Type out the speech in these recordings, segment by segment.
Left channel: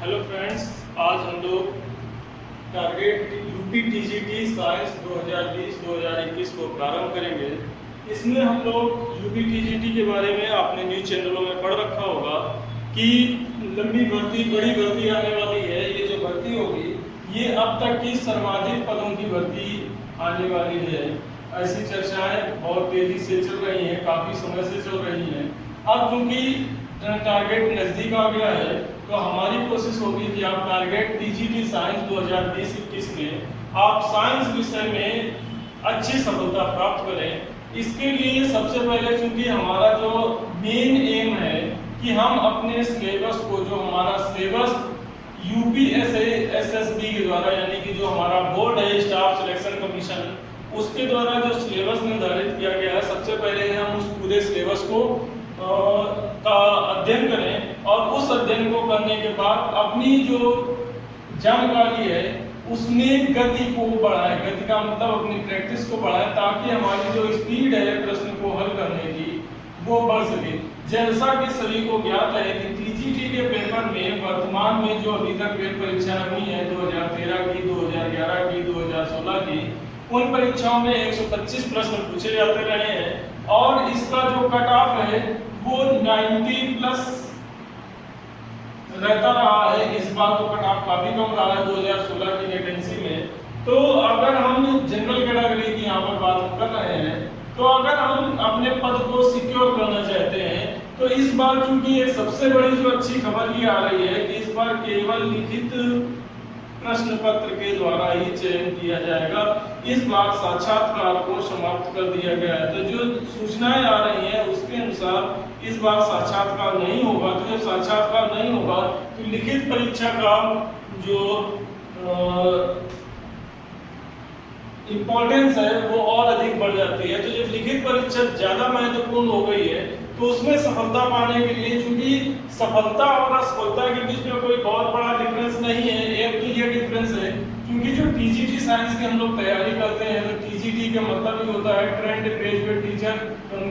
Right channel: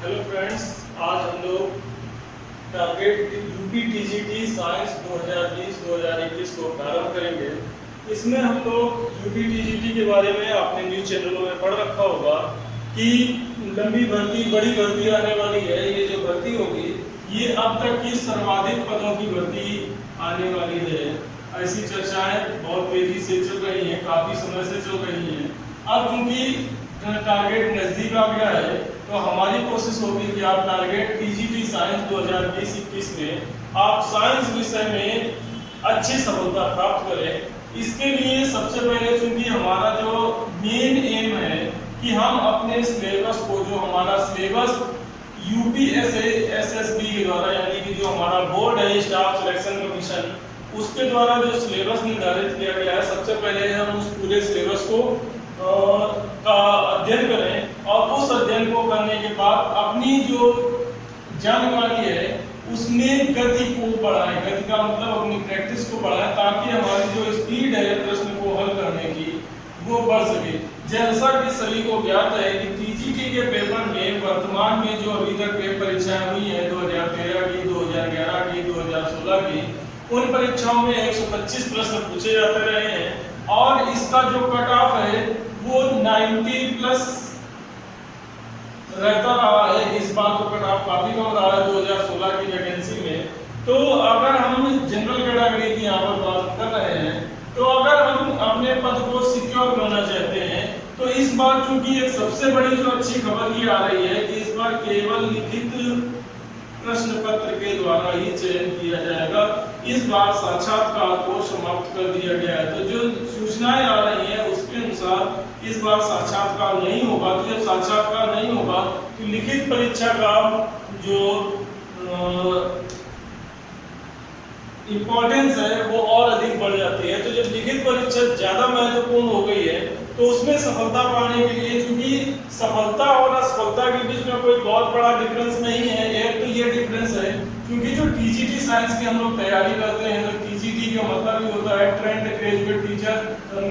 Hello friends, आज हम लोग टारगेट यूपी टीजीटी साइंस 2020-2021 को प्रारंभ करेंगे। इसमें हम लोग यूपी टीजीटी के बारे में आपने न्यूज़ चैनलों में पढ़ रखा होगा कि लंबी भर्ती, बड़ी भर्ती आने वाली है। ये जो भर्ती होगी ये अब तक की सर्वाधिक पदों की भर्ती आने वाली है। ऐसी चर्चाएं बहुत तेजी से चल रही हैं, काफ़ी समय से चल रही हैं। अब क्योंकि टारगेट नज़दीक आ गया है तो हमारी कोशिश होगी कि आप टारगेट टीजीटी साइंस 2020-21 में आप साइंस विषय में अच्छी सफलता प्राप्त करें। इसके लिए सबसे पहले चूंकि हमारा जो मेन एम है कि हम अपने सिलेबस को, जो हमारा सिलेबस यूपीएसएसबी के द्वारा, यानी कि जो हमारा बोर्ड है स्टाफ सिलेक्शन कमीशन, उसके द्वारा जो सिलेबस निर्धारित किया गया है, सबसे पहले हम उस पूरे सिलेबस को का अध्ययन करें और उस अध्ययन को करने के बाद अपनी जो जानकारी है उसमें गति को बढ़ाएं। गति का मतलब अपनी प्रैक्टिस को बढ़ाएं ताकि हमारी जो स्पीड है प्रश्न को हल करने की वो बढ़ सके। जैसा कि सभी को ज्ञात है कि टीजीटी के पेपर में वर्तमान में जो अभी तक परीक्षाएं हुई है 2013 की, 2011 की, 2016 की, उन परीक्षाओं में 125 प्रश्न पूछे जाते रहे हैं और इसका जो कट ऑफ है वो 90 प्लस रहता रहा है। इस बार तो कट ऑफ काफी कम रहा है 2016 की वैकेंसी में। तो अगर हम जनरल कैटेगरी की यहाँ पर बात कर रहे हैं तो अगर हम अपने पद को सिक्योर करना चाहते हैं तो इस बार चूंकि एक सबसे बड़ी जो अच्छी खबर ये आ रही है कि इस बार केवल लिखित प्रश्न पत्र के द्वारा ही चयन किया जाएगा। इस बार साक्षात्कार को समाप्त कर दिया गया है। तो जो सूचनाएं आ रही हैं उसके अनुसार इस बार साक्षात्कार नहीं होगा। तो जब साक्षात्कार नहीं होगा तो लिखित परीक्षा का जो इम्पोर्टेंस है वो और अधिक बढ़ जाती है। तो जब लिखित परीक्षा ज्यादा महत्वपूर्ण हो गई है तो उसमें सफलता पाने के लिए, चूंकि सफलता और असफलता के बीच में कोई बहुत बड़ा डिफरेंस नहीं है, एक तो ये डिफरेंस है क्योंकि जो टीजीटी साइंस की हम लोग तैयारी करते हैं तो टीजीटी का मतलब ही होता है ट्रेंड ग्रेजुएट टीचर,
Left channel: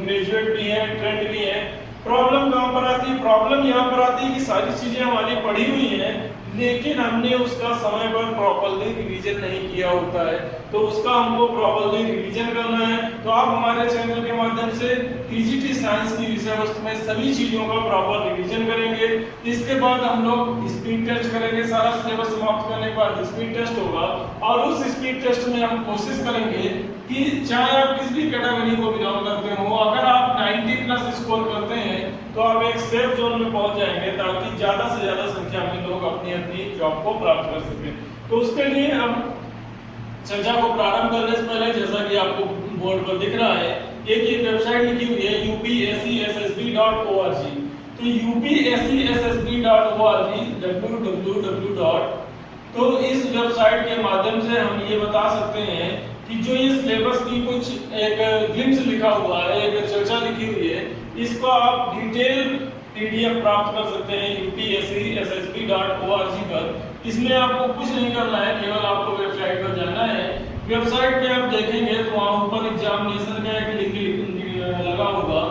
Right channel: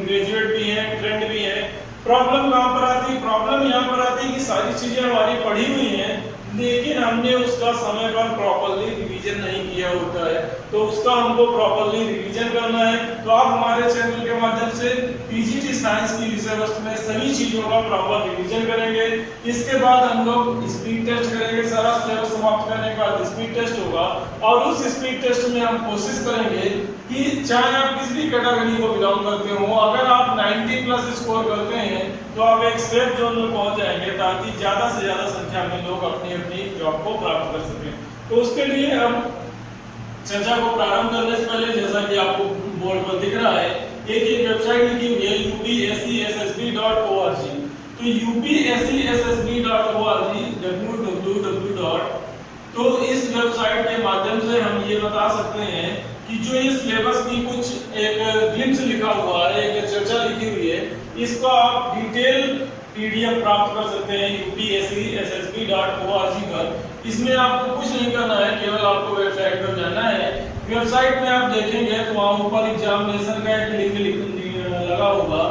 ग्रेजुएट भी है, ट्रेंड भी है। प्रॉब्लम कहाँ पर आती है? प्रॉब्लम यहाँ पर आती है कि सारी चीजें हमारी पढ़ी हुई हैं लेकिन हमने उसका समय पर प्रॉपर्ली रिवीजन नहीं किया होता है। तो उसका हमको प्रॉपर्ली रिवीजन करना है। तो आप हमारे चैनल के माध्यम से टीजीटी साइंस की विषय वस्तु में सभी चीजों का प्रॉपर रिवीजन करेंगे। इसके बाद हम लोग स्पीड टेस्ट करेंगे। सारा सिलेबस समाप्त करने के बाद स्पीड टेस्ट होगा और उस स्पीड टेस्ट में हम कोशिश करेंगे कि चाहे आप किस भी कैटेगरी को बिलोंग करते हो, अगर आप 90 प्लस स्कोर करते हैं तो आप एक सेफ जोन में पहुंच जाएंगे ताकि ज्यादा से ज्यादा संख्या में लोग अपनी अपनी जॉब को प्राप्त कर सकें। तो उसके लिए हम चर्चा को प्रारंभ करने से पहले, जैसा कि आपको बोर्ड पर दिख रहा है, एक वेबसाइट लिखी हुई है upsessb.org। तो upsessb.org www. तो इस वेबसाइट के माध्यम से हम ये बता सकते हैं कि जो ये सिलेबस की कुछ एक ग्लिम्स लिखा हुआ है, एक चर्चा लिखी हुई है, इसको आप डिटेल पीडीएफ प्राप्त कर सकते हैं upsessb.org पर। इसमें आपको कुछ नहीं करना है, केवल आपको वेबसाइट पर जाना है। वेबसाइट में आप देखेंगे तो वहाँ ऊपर एग्जामिनेशन का एक लिंक लगा होगा,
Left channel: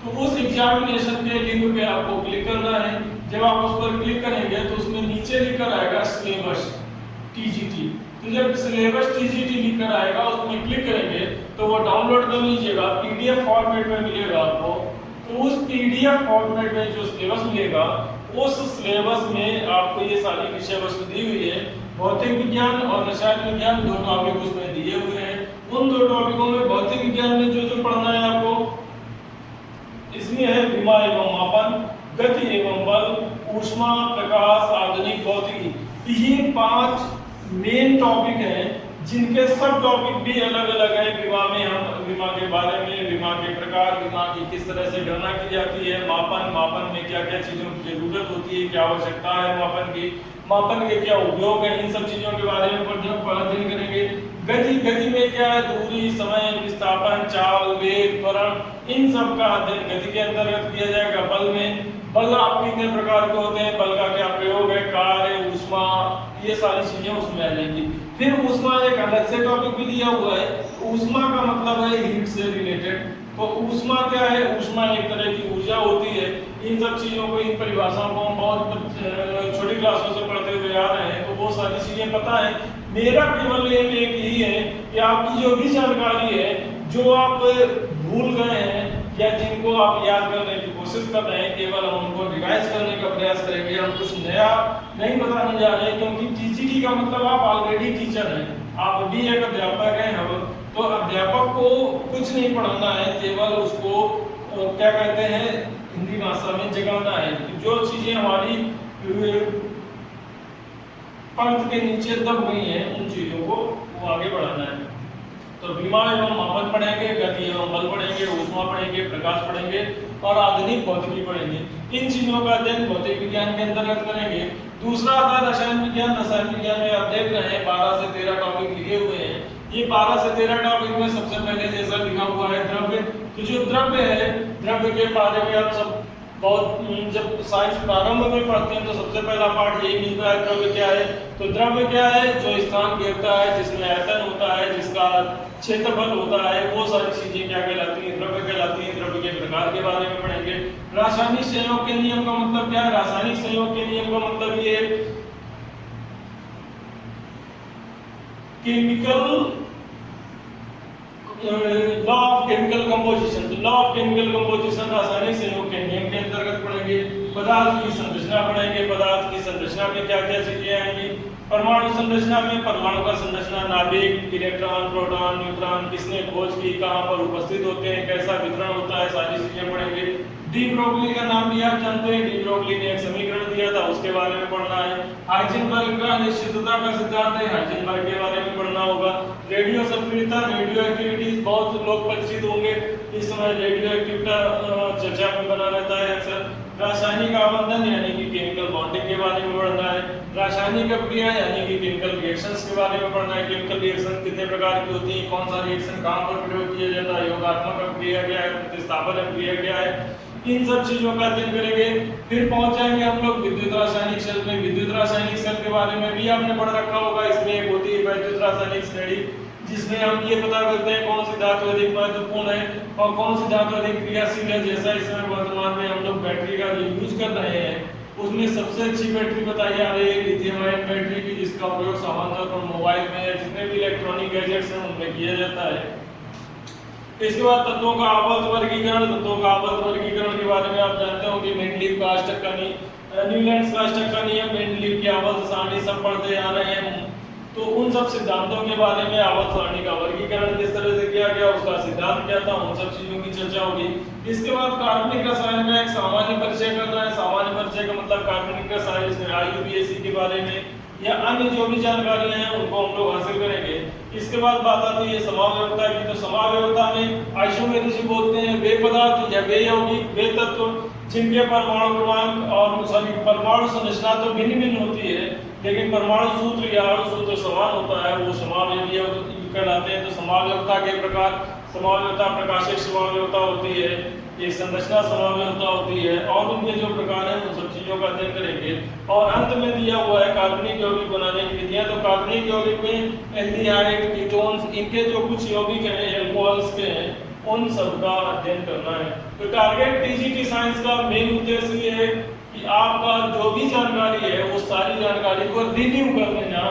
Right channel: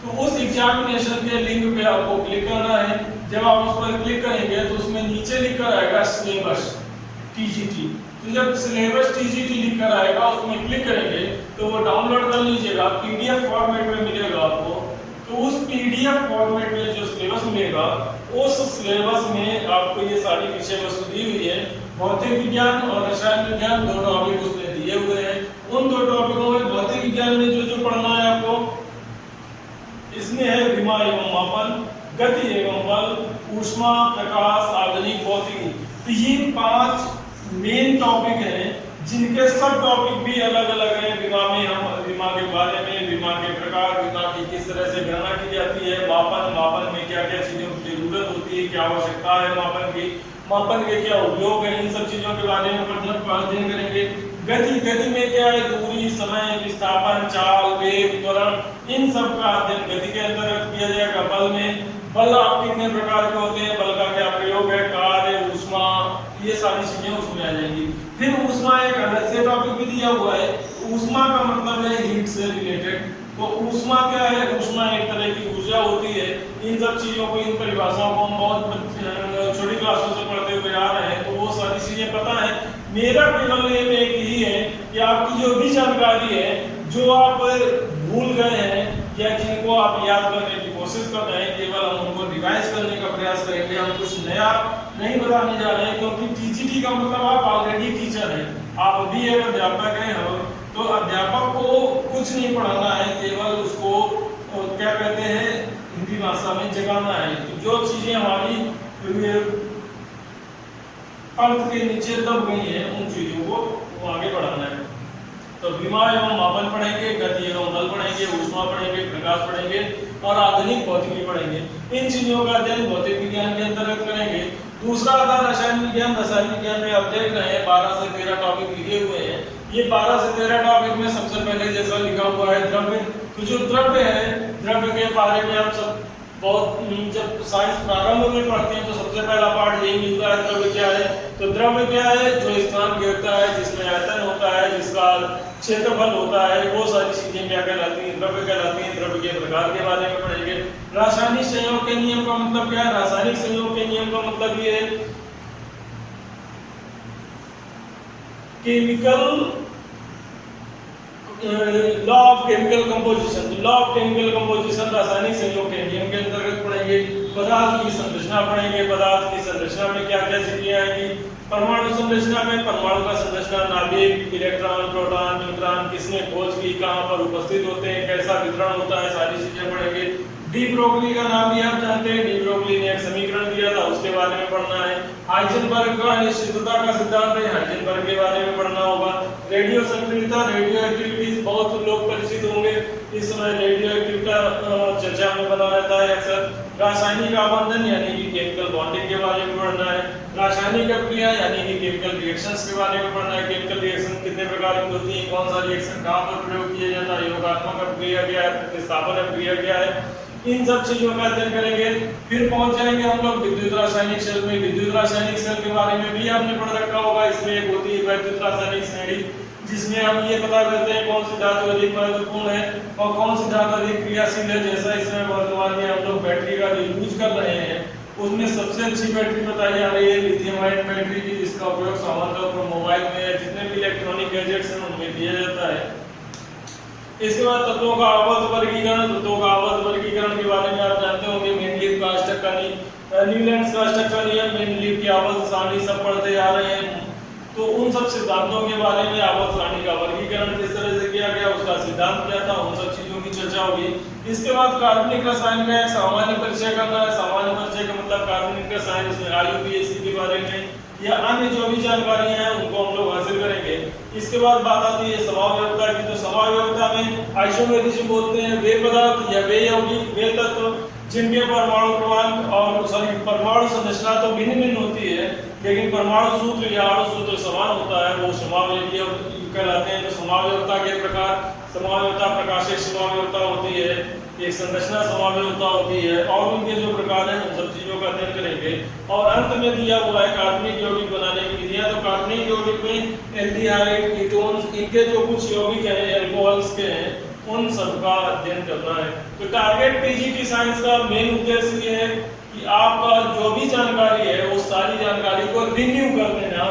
तो उस एग्जामिनेशन के लिंक पे आपको क्लिक करना है। जब आप उस पर क्लिक करेंगे तो उसमें नीचे लिखकर आएगा सिलेबस टीजीटी। तो जब सिलेबस टीजीटी लिखकर आएगा उसमें क्लिक करेंगे तो वो डाउनलोड कर लीजिएगा, पीडीएफ फॉर्मेट में मिलेगा आपको। तो उस पीडीएफ फॉर्मेट में जो सिलेबस मिलेगा उस सिलेबस में आपको ये सारी विषय वस्तु दी हुई है। भौतिक विज्ञान और रसायन विज्ञान दो टॉपिक उसमें दिए हुए हैं। उन दो टॉपिकों में भौतिक विज्ञान में जो पढ़ना है आपको, इसमें है विमा एवं मापन, गति एवं बल, ऊष्मा, प्रकाश, आधुनिक भौतिकी। तो ये 5 मेन टॉपिक हैं जिनके सब टॉपिक भी अलग अलग हैं। विमा में हम विमा के बारे में, विमा के प्रकार, विमा की किस तरह से गणना की जाती है, मापन में क्या क्या चीजों की जरूरत होती है, क्या आवश्यकता है मापन के क्या उपयोग है, इन सब चीजों के बारे में अध्ययन करेंगे। गति में क्या है? दूरी, समय, विस्थापन, चाल, वेग, त्वरण, इन सब का अध्ययन गति के अंतर्गत किया जाएगा। बल आप कितने प्रकार के होते हैं, बल का क्या प्रयोग है, कार्य, ऊष्मा, ये सारी चीजें उसमें आ जाएंगी। फिर ऊष्मा एक अलग से टॉपिक भी दिया हुआ है। ऊष्मा का मतलब है हीट से रिलेटेड। तो ऊष्मा क्या है? ऊष्मा एक तरह की ऊर्जा होती है। इन सब चीजों को, इन परिभाषाओं को हम बहुत छोटी क्लासों से पढ़ते हुए आ रहे हैं तो वो सारी चीजें पता है। मेरा केवल एम एक यही है कि आपकी जो भी जानकारी है, जो आप भूल गए हैं या जिनको आप याद करने की कोशिश कर रहे हैं, केवल हम उनको रिवाइज करने का प्रयास करेंगे। हम कुछ नया नहीं बताने जा रहे हैं, क्योंकि टीजीटी का मतलब आप ऑलरेडी टीचर हैं, आप अभी एक अध्यापक हैं। तो अध्यापक को कुछ नहीं पढ़ाना है, केवल उसको क्या कहते हैं हिंदी भाषा में जगाना है। तो जो चीजें हमारी अर्थ के नीचे दब गई हैं उन चीजों को वो आगे बढ़ाना है। तो विमा एवं मापन पढ़ेंगे, गति एवं बल पढ़ेंगे, ऊष्मा पढ़ेंगे, प्रकाश पढ़ेंगे और आधुनिक भौतिकी पढ़ेंगे। इन चीजों का अध्ययन भौतिक विज्ञान के अंतर्गत करेंगे। दूसरा आता है रसायन विज्ञान। रसायन विज्ञान में आप देख रहे हैं 12 से 13 टॉपिक लिखे हुए हैं। ये 12 से 13 टॉपिक में सबसे पहले जैसा लिखा हुआ है द्रव्य। तो जो द्रव्य है, द्रव्य के बारे में आप सब बहुत जब साइंस प्रारंभ में पढ़ते हैं तो सबसे पहला पार्ट यही मिलता है, द्रव्य क्या है। तो द्रव्य क्या है? जो स्थान घेरता है, जिसमें आयतन होता है, जिसका क्षेत्रफल होता है, वो सारी चीजें क्या कहलाती हैं? द्रव्य कहलाती हैं। द्रव्य के प्रकार के बारे में पढ़ेंगे। रासायनिक संयोग के नियम का मतलब क्या है? रासायनिक संयोग के नियम का मतलब ये chemical law of chemical composition. Law of chemical composition रासायनिक संयोग के नियम के अंतर्गत पढ़ेंगे। पदार्थ की संरचना पढ़ेंगे। पदार्थ की संरचना में क्या क्या चीजें आएंगी? परमाणु संरचना में परमाणु का संरचना, नाभिक, इलेक्ट्रॉन, प्रोटॉन, न्यूट्रॉन, किसने खोज की, कहां पर उपस्थित होते हैं, कैसा वितरण होता है, सारी चीजें पढ़ेंगे। डी ब्रोगली का नाम भी आप जानते हैं। डी ब्रोगली ने एक समीकरण दिया था, उसके बारे में पढ़ना है। हाइजेनबर्ग का अनिश्चितता का सिद्धांत है, हाइजेनबर्ग के बारे में पढ़ना होगा। रेडियो सक्रियता, रेडियो एक्टिविटीज बहुत लोग परिचित होंगे इस समय। रेडियो एक्टिविटी चर्चा में बना रहता है अक्सर। रासायनिक आबंधन यानी कि केमिकल बॉन्डिंग के बारे में पढ़ना है। रासायनिक अभिक्रिया यानी कि केमिकल रिएक्शंस के बारे में पढ़ना है। केमिकल रिएक्शन कितने प्रकार की होती है, कौन सा रिएक्शन कहां पर प्रयोग किया जाता है, योगात्मक अभिक्रिया क्या है, प्रतिस्थापन अभिक्रिया क्या है, इन सब चीजों का अध्ययन करेंगे। फिर पहुंच जाएंगे हम लोग विद्युत रासायनिक सेल में। विद्युत रासायनिक सेल के बारे में भी आपने पढ़ रखा होगा। इसमें एक होती है विद्युत रासायनिक श्रेणी, जिसमें हम ये पता करते हैं कौन सी धातु अधिक महत्वपूर्ण है और कौन सी धातु अधिक क्रियाशील है। जैसा इसमें वर्तमान में हम लोग बैटरी का जो यूज कर रहे हैं, उसमें सबसे अच्छी बैटरी बताई जा रही है लिथियम आयन बैटरी की, जिसका उपयोग सामान्यतौर पर मोबाइल में या जितने भी इलेक्ट्रॉनिक गैजेट्स हैं उनमें किया जाता है। इसके बाद तत्वों का आवर्त वर्गीकरण। तत्वों का आवर्त वर्गीकरण के बारे में आप जानते होंगे। मेंडलीव का अष्टक का न्यूलैंड्स का अष्टक का नियम, मेंडलीव की आवर्त सारणी सब पढ़ते आ रहे हैं। तो उन सब सिद्धांतों के बारे में, आवर्त सारणी का वर्गीकरण किस तरह से किया गया, उसका सिद्धांत क्या था, उन सब चीजों की चर्चा होगी। इसके बाद कार्बनिक रसायन का एक सामान्य परिचय करना है। सामान्य परिचय का मतलब कार्बनिक रसायन, इसमें IUPAC के बारे में या अन्य जो भी जानकारी है उनको हम लोग हासिल करेंगे। इसके बाद बात आती है समावयवता की। तो समावयवता में आइसोमेरिज्म बोलते हैं वे पदार्थ या वे यौगिक, वे तत्व जिनके परमाणु क्रमांक और परमाणु संरचना तो भिन्न भिन्न होती है, लेकिन परमाणु सूत्र या अणु सूत्र समान होता है, वो समावयवी कहलाते हैं। तो समावयवता के प्रकार, समावयवता प्रकाशिक समावयवता होती है, एक संरचना समावयवता होती है, और उनके जो प्रकार हैं उन सब चीजों का अध्ययन करेंगे। और अंत में दिया हुआ है कार्बनिक यौगिक बनाने की विधियां। तो कार्बनिक यौगिक में एल्डिहाइड, कीटोन्स, इनके जो कुछ यौगिक हैं एल्कोहल्स के हैं, उन सब का अध्ययन करना है। तो टारगेट टीजीटी साइंस का मेन उद्देश्य ये है कि आपका जो भी जानकारी है वो सारी जानकारी को रिव्यू कर देना,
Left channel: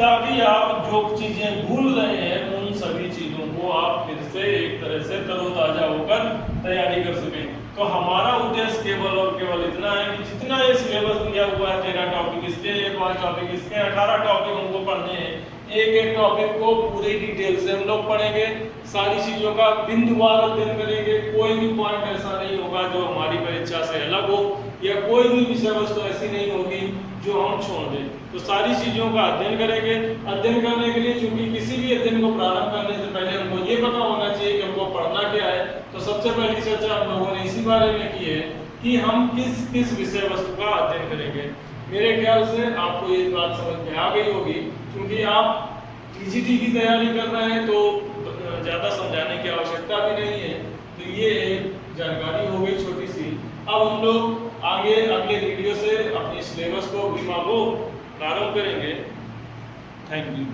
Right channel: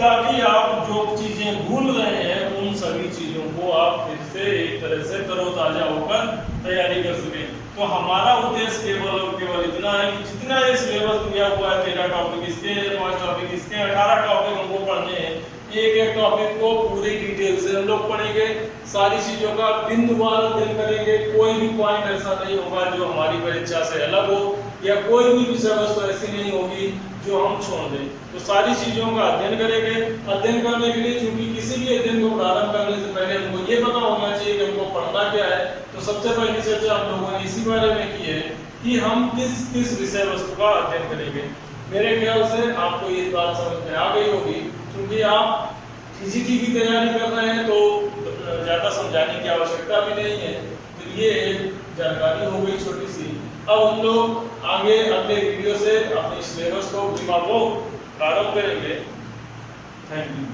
ताकि आप जो चीजें भूल रहे हैं उन सभी चीजों को आप फिर से एक तरह से तरोताजा होकर तैयारी कर सकें। तो हमारा उद्देश्य केवल और केवल इतना है कि जितना ये सिलेबस दिया हुआ है, 13 टॉपिक इसके, 5 टॉपिक इसके, 18 टॉपिक हमको पढ़ने हैं। एक एक टॉपिक को पूरी डिटेल से हम लोग पढ़ेंगे, सारी चीजों का बिंदुवार अध्ययन करेंगे। कोई भी पॉइंट ऐसा नहीं होगा जो हमारी परीक्षा से अलग हो, या कोई भी विषय वस्तु ऐसी नहीं होगी जो हम छोड़ दें। तो सारी चीजों का अध्ययन करेंगे। अध्ययन करने के लिए, चूंकि किसी भी अध्ययन को प्रारंभ करने से पहले हमको ये पता होना चाहिए कि हमको पढ़ना क्या है, तो सबसे पहली चर्चा हम लोगों ने इसी बारे में की है कि हम किस किस विषय वस्तु का अध्ययन करेंगे। मेरे ख्याल से आपको ये बात समझ में आ गई होगी। क्योंकि आप टीजीटी की तैयारी कर रहे हैं तो ज़्यादा समझाने की आवश्यकता भी नहीं है। तो ये एक जानकारी हो गई छोटी सी। अब हम लोग आगे अगले वीडियो से अपने सिलेबस को प्रारंभ करेंगे। Thank you.